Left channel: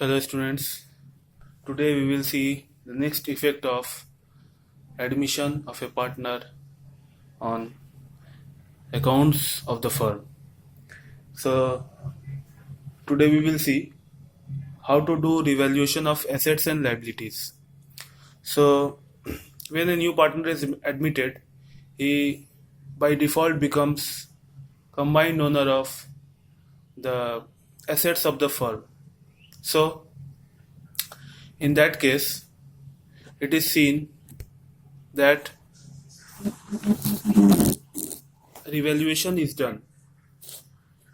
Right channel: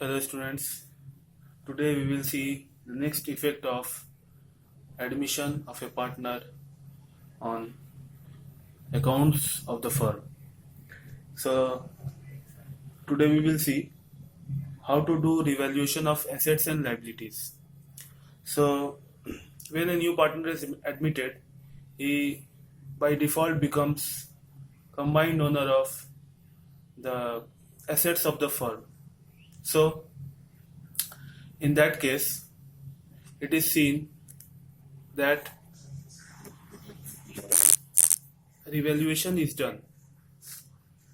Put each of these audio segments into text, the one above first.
Hello students, today we will see the next effect of admission of a partner on accounts of the firm. So today we will see how to do revaluation of assets and liabilities. So when a new partner is admitted, he by default becomes combined owner of the assets of the firm. So in that case, it is seen that revaluation is done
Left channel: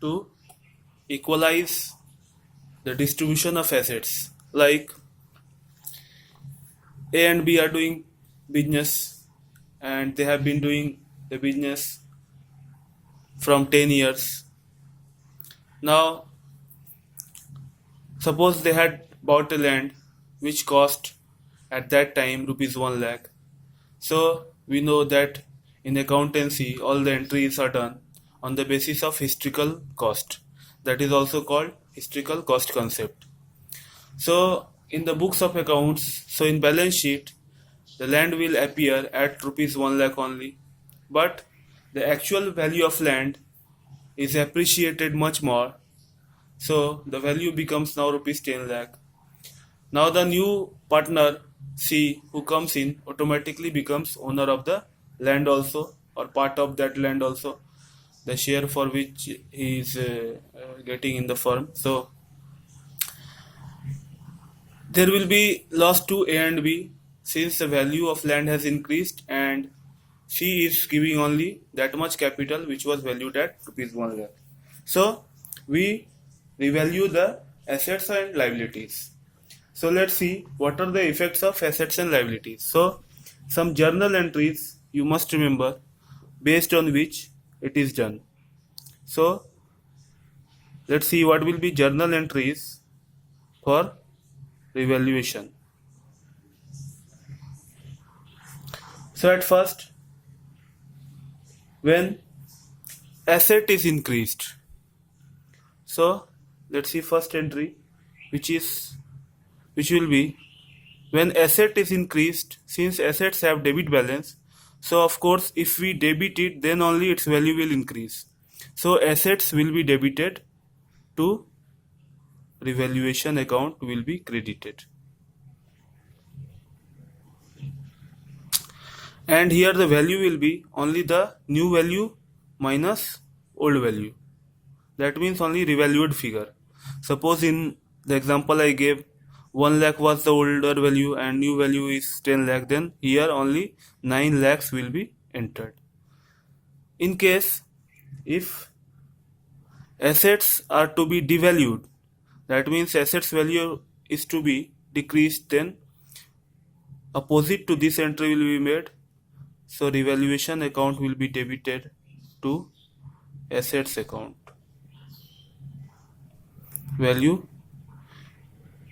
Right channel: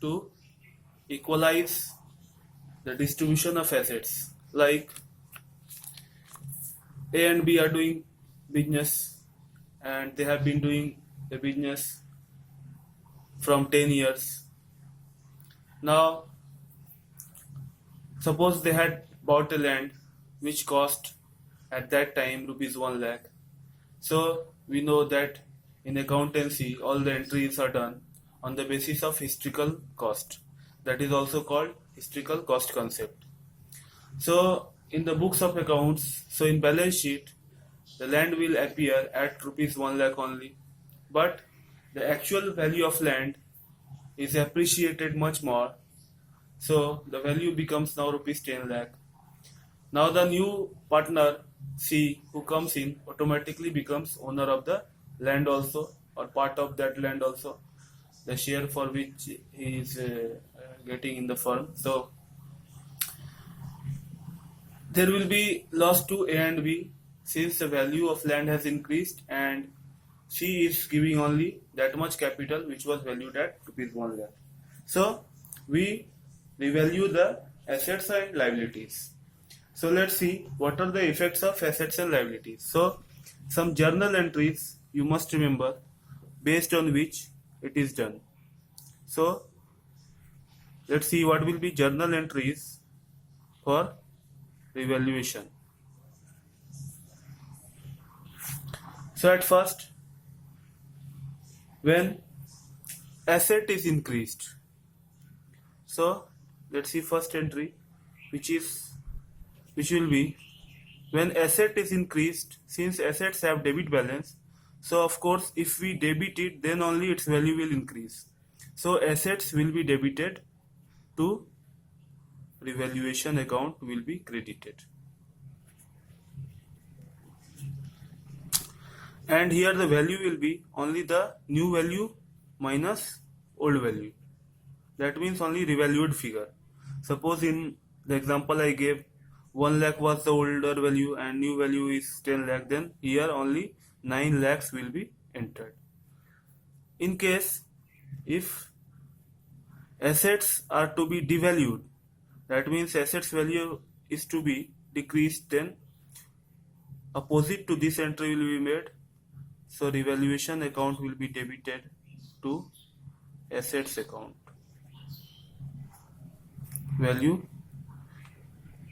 to equalize the distribution of assets. Like A and B are doing business and they have been doing the business from 10 years. Now, suppose they had bought a land which cost at that time rupees 1 lakh. So we know that in accountancy all the entries are done on the basis of historical cost. That is also called historical cost concept. So in the books of accounts, so in balance sheet, the land will appear at rupees 1 lakh only, but the actual value of land is appreciated much more. So the value becomes now rupees 10 lakh. Now the new partner C who comes in automatically becomes owner of the land also, or part of that land also, the share for which he is getting in the firm. So there will be loss to A and B since the value of land has increased and C is giving only that much capital which was valued at rupees 1 lakh. So we revalue the assets and liabilities. So let's see what are the effects of assets and liabilities. So some journal entries you must remember based on which it is done. So let's see what will be journal entries for revaluation. So at first, when asset is increased, so let's see first entry which will be when asset is increased, since assets have debit balance, so of course if we debit it then only its value will increase. So assets will be debited to revaluation account will be credited. And here the value will be only the new value minus old value. That means only revalued figure. Suppose in the example I gave, 1 lakh was the older value and new value is 10 lakh, then here only 9 lakhs will be entered. In case if assets are to be devalued, that means assets value is to be decreased, then opposite to this entry will be made. So revaluation account will be debited to assets account.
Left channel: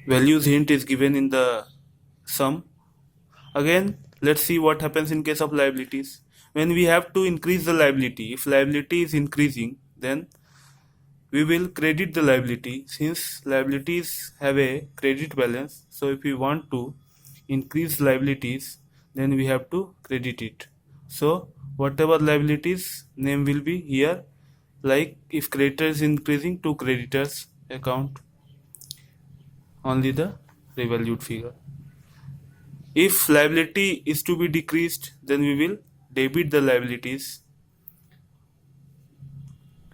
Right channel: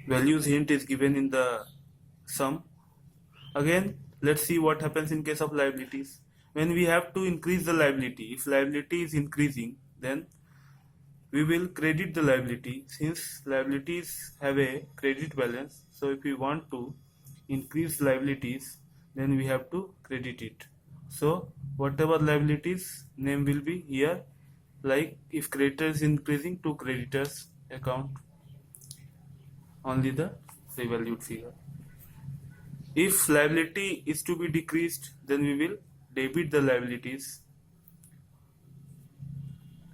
Values hint is given in the sum. Again, let's see what happens in case of liabilities. When we have to increase the liability, if liability is increasing, then we will credit the liability since liabilities have a credit balance. So if we want to increase liabilities, then we have to credit it. So whatever liabilities name will be here, like if creditor is increasing, to creditors account only the revalued figure. If liability is to be decreased, then we will debit the liabilities.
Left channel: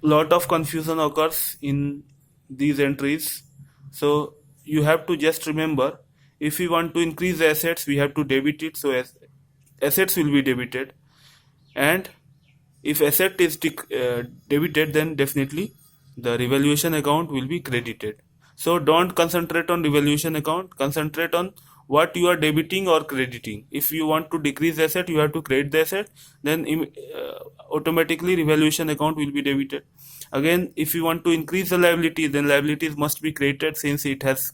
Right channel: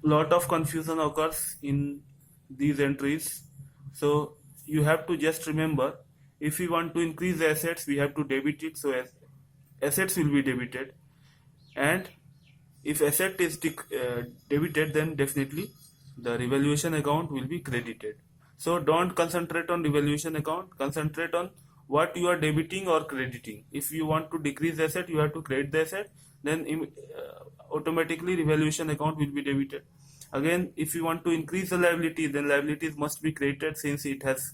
Lot of confusion occurs in these entries, so you have to just remember, if we want to increase the assets we have to debit it, so assets will be debited, and if asset is debited, then definitely the revaluation account will be credited. So don't concentrate on revaluation account, concentrate on what you are debiting or crediting. If you want to decrease the asset, you have to credit the asset, then automatically revaluation account will be debited. Again, if you want to increase the liability, then liabilities must be credited since it has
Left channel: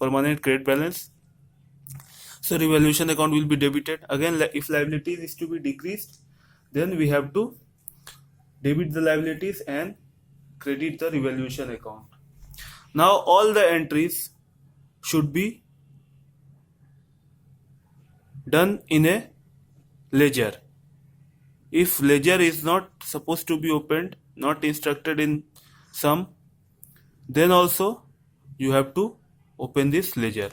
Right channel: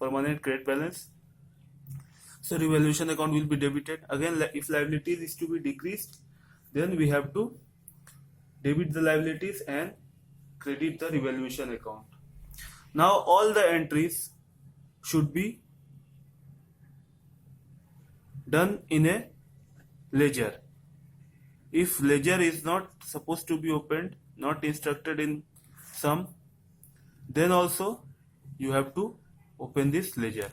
permanent credit balance. So revaluation account will be debited. Again, if liabilities is to be decreased, then we have to debit the liabilities and credit the revaluation account. Now all the entries should be done in a ledger. If ledger is not supposed to be opened, not instructed in sum, then also you have to open this ledger.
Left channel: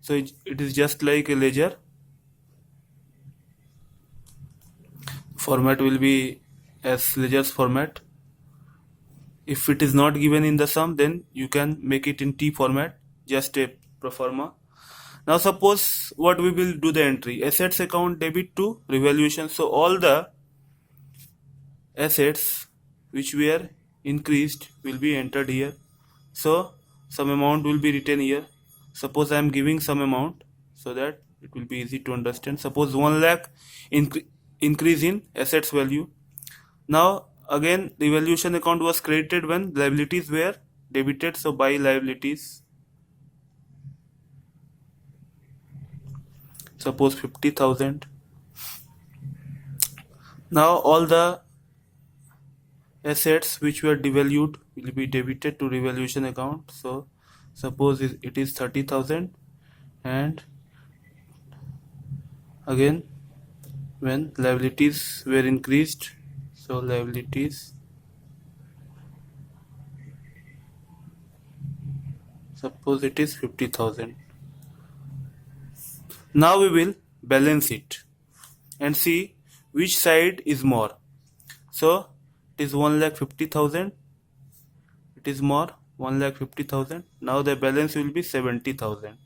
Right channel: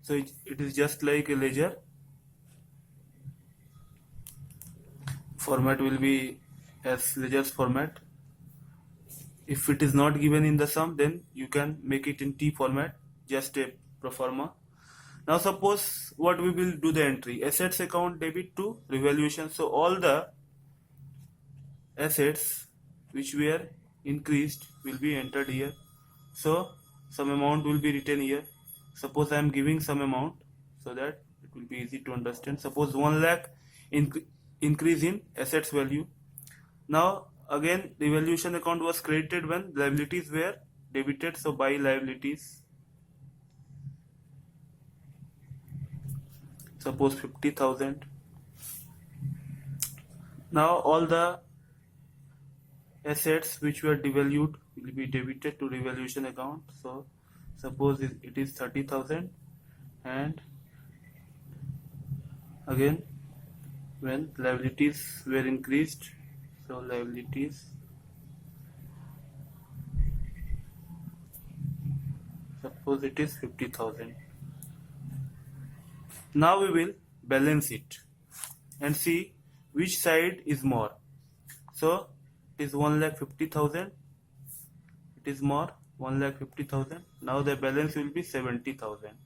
So it is just like a ledger. Format will be as ledger's format. If it is not given in the sum, then you can make it in T format, just a pro forma. Now suppose what we will do the entry, assets account debit to revaluation. So all the assets which were increased will be entered here. So some amount will be written here. Suppose I am giving some amount so that it will be easy to understand. Suppose 1 lakh increase in assets value. Now again revaluation account was created when liabilities were debited. So by liabilities, suppose 50,000. Now all the assets which were devalued will be debited to revaluation account. So suppose it is 30,000, and again when liabilities were increased, so liabilities, suppose it is 50,000. Now we will balance it and see which side is more. So it is 1,50,000, it is more 1,50,000. Now the balance will be 70,000.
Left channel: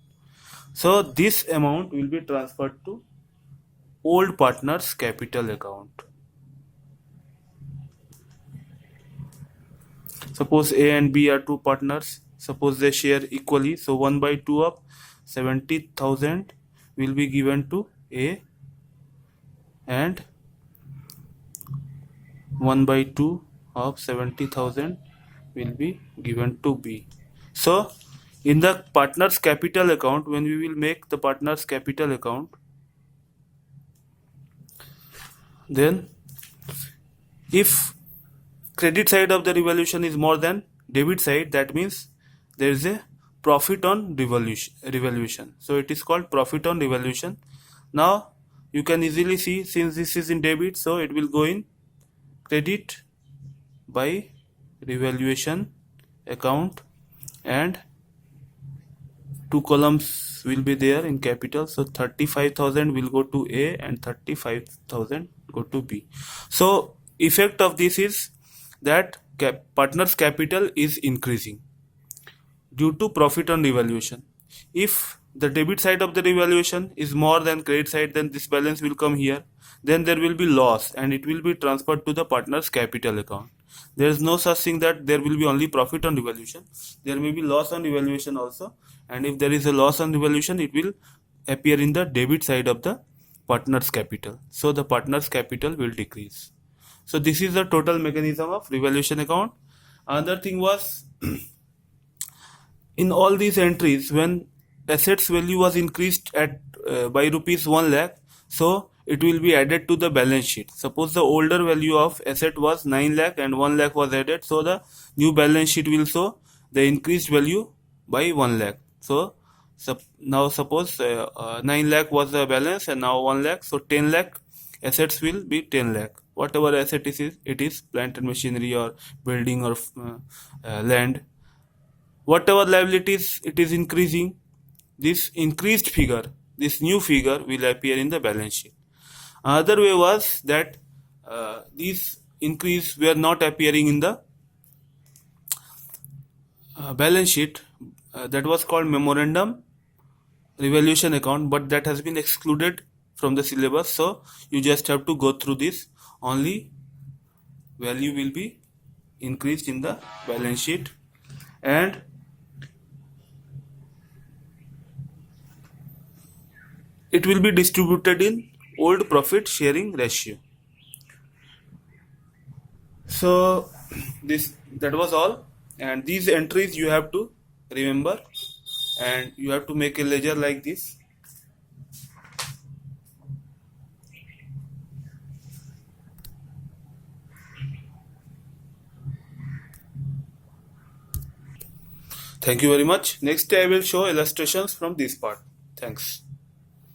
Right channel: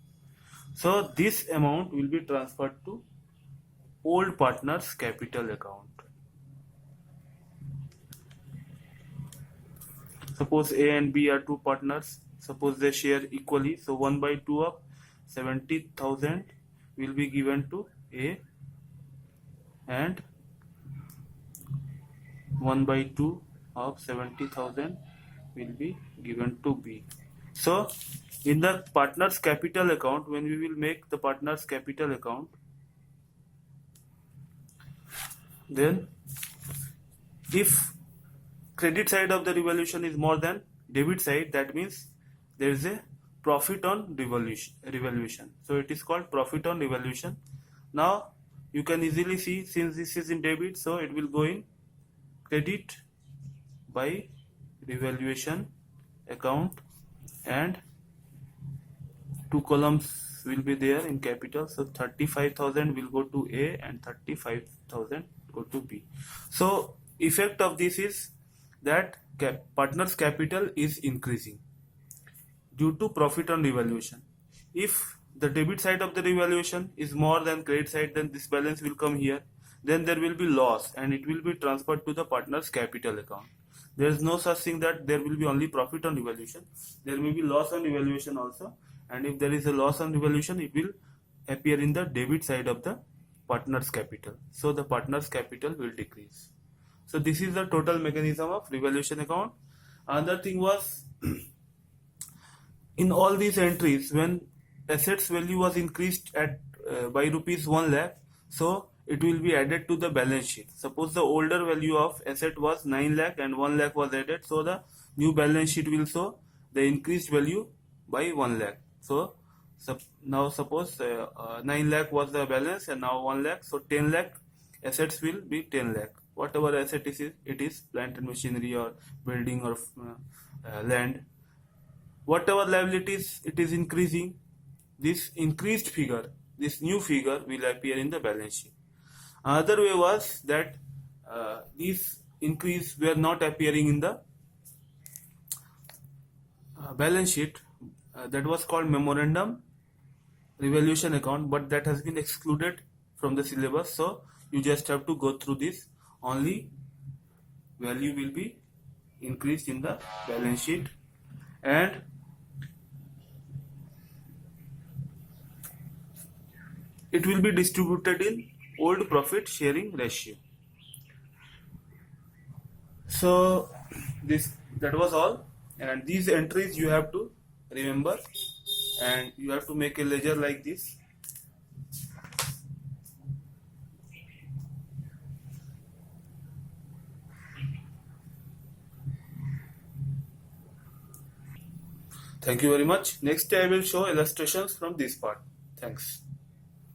So this amount will be transferred to old partner's capital account. Suppose A and B are two partners. Suppose they share equally. So 1/2 of 70,000 will be given to A, and 1/2 of 70,000 will be given to B. So in the partner's capital account, when we will make the partner's capital account, then if credit side of the revaluation is more than debit side, that means there is a profit on revaluation. So it is called profit on revaluation. Now you can easily see, since this is in debit, so it will go in credit by revaluation account, and two columns will be there in capital. So 35,000 will go to A and 35,000 go to B. So effect of this is that partner's capital is increasing due to profit on revaluation. If the debit side of the revaluation is more than credit side, then this balance will come here. Then there will be loss and it will be transferred to the partner's capital account. There is no such thing that there will be only profit on revaluation. There may be loss on revaluation also, and if there is a loss on revaluation, it will appear in the debit side of the partner's capital. So the partner's capital will decrease. So this is the total mechanism of revaluation account. Another thing was in all these entries, when assets value was increased at by rupees 1 lakh, so it will be added to the balance sheet. Suppose the older value of asset was 9 lakh and 1 lakh was added, so the new balance sheet will show the increased value by 1 lakh. So now suppose 9 lakh was the balance and now 1 lakh, so 10 lakh assets will be 10 lakh. Whatever asset it is plant and machinery or building or land. Whatever liabilities it is increasing, this increased figure, this new figure will appear in the balance sheet. Another way was that these increase were not appearing in the balance sheet. That was called memorandum revaluation account, but that has been excluded from the syllabus. So you just have to go through this. Only value will be increased in the balance sheet, and it will be distributed in old profit sharing ratio. So that was all, and these entries you have to remember, and you have to make a ledger like this. Thank you very much. Next I will show illustrations from this part. Thanks.